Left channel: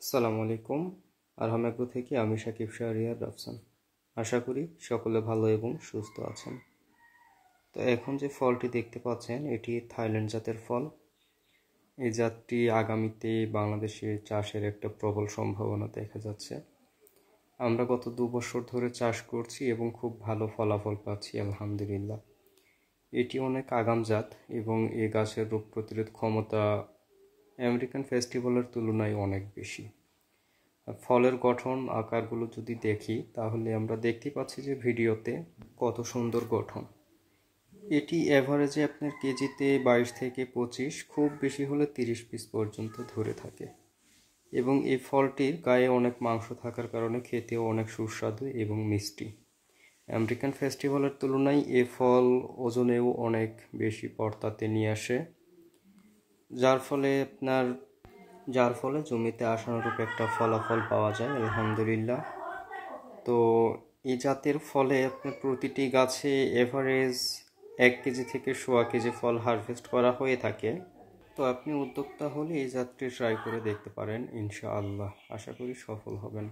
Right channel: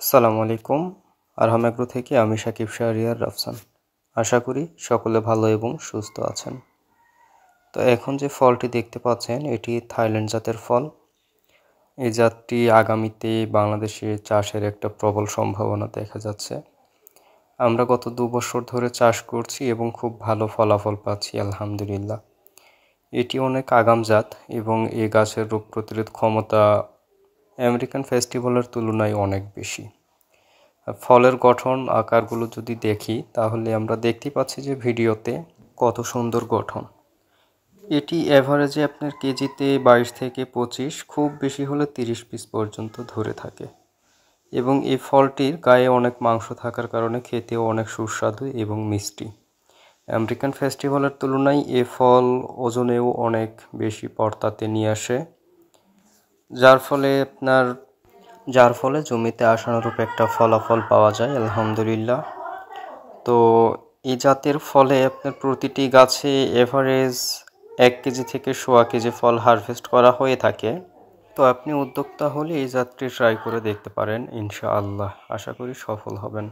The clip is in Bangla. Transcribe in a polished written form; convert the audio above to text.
আসসালামু আলাইকুম। আরহাম এগ্রো থেকে আমি সাকিব শাহরিয়ার রাফসান। আশা করি সকলে ভালো এবং সুস্থ আছেন। তো এখন যে ফলটি দেখতে পাচ্ছেন এটি থাইল্যান্ড জাতের ফল। এই জাতটি আগামীতে বাংলাদেশে চাষের একটা প্রবল সম্ভাবনা দেখা যাচ্ছে। আমরা গত 2 বছর ধরে চাষ করছি এবং খুব ভালো ফলাফল পাচ্ছি আলহামদুলিল্লাহ। এটি অনেক আগাম জাত এবং এ গাছের রোগ প্রতিরোধ ক্ষমতা আমেরিকান ফেস্টিভ্যালের তুলনায় অনেক বেশি। ফলের গঠন আকারগুলো যদি দেখি তাহলে আমরা দেখতে পাচ্ছি যে ভিডিওতে কত সুন্দর গঠন। এটি এভারেজে আপনার কেজিতে 22 থেকে 25, খুব বেশি হলে 30 পিস পর্যন্ত ধরে থাকে এবং এই ফলটির গায়ে অনেক মাংস থাকার কারণে খেতেও অনেক সুস্বাদু এবং মিষ্টি। আমেরিকান ফেস্টিভ্যালের তুলনায় এ ফল ওজনেও অনেক বেশি পর্তাতে নিয়ে আসে, যার ফলে জমিতে আশানুরূপ একটা ফলাফল পাওয়া যায় আলহামদুলিল্লাহ। তো এই জাতের ফলে আপনার প্রতিটি গাছে এভারেজ 1 কেজি থেকে 1.25 কেজি ফল হারভেস্ট করা হয়ে থাকে। তো আপনি উদ্যোক্তা হলে এই জাতটি ট্রাই করে দেখতে পারেন, ইনশাআল্লাহ আশা করি সফল হবেন।